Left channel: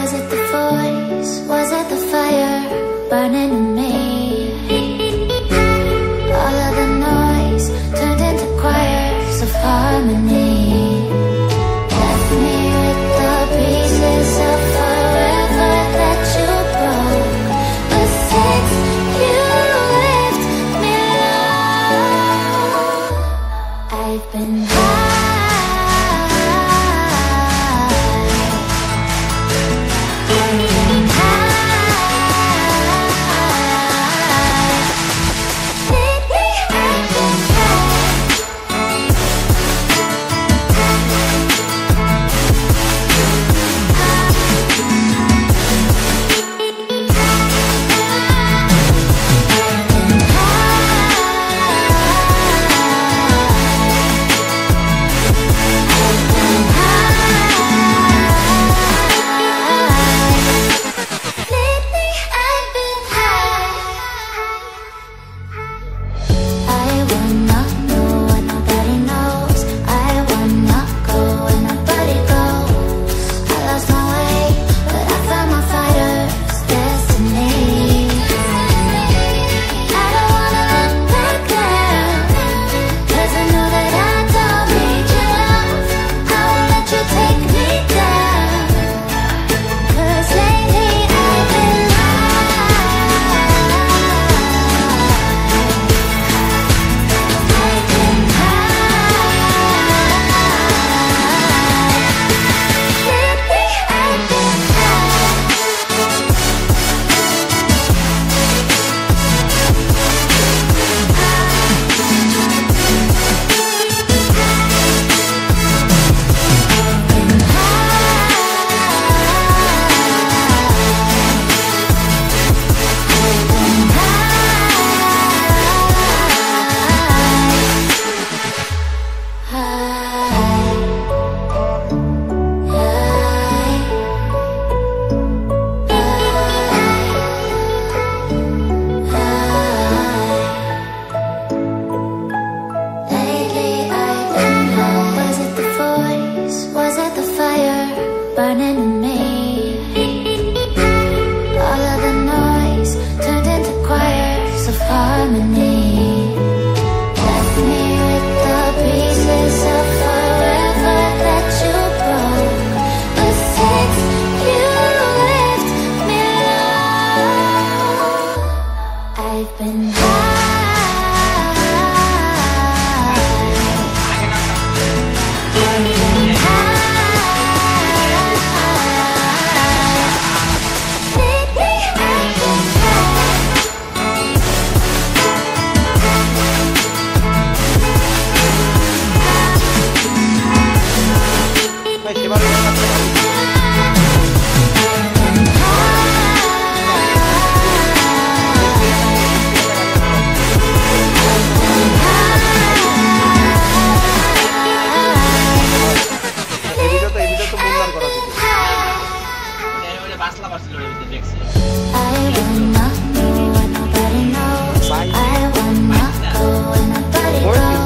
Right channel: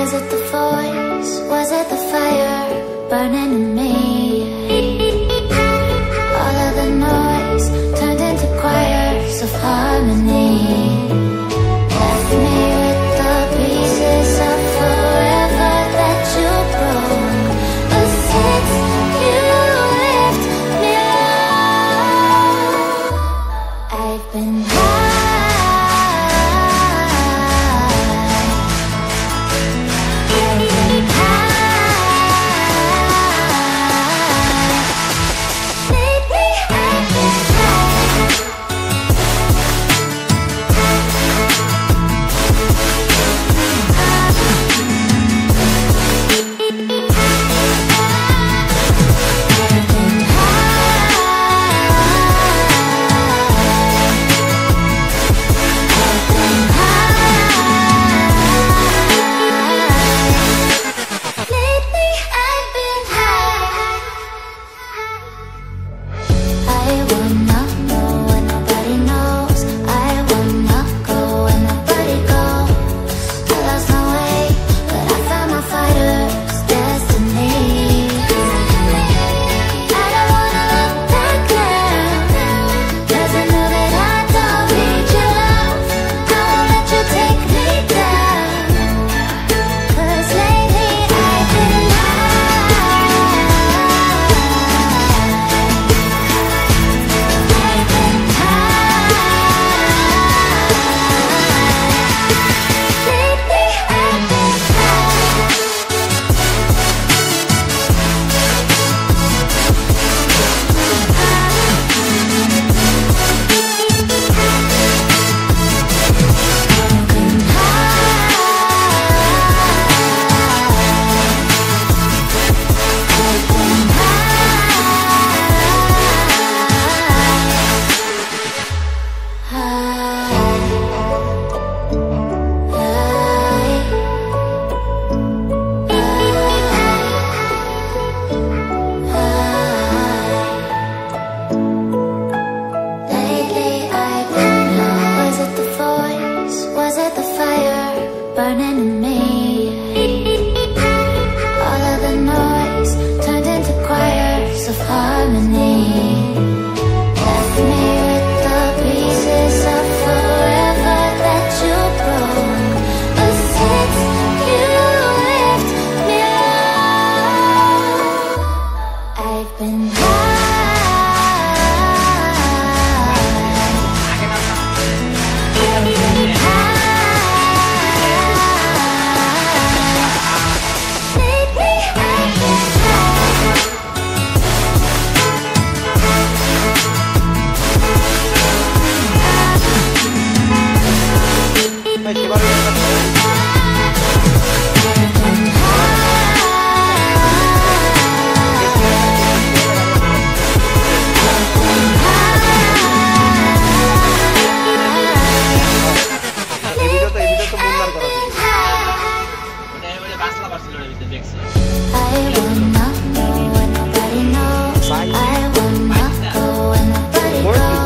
Was it the voice? Was it the fire burning in me? All of the noise turned into choirs of harmony. Left me with the pieces of forever that you broke. But since you left me alone, I've been high. Burning in me. All of the noise turned into choirs of harmony. Left me with the pieces of forever that you broke. But since you left me alone, I've been high. I've been high. I wanna know what nobody knows. I wanna go where nobody goes.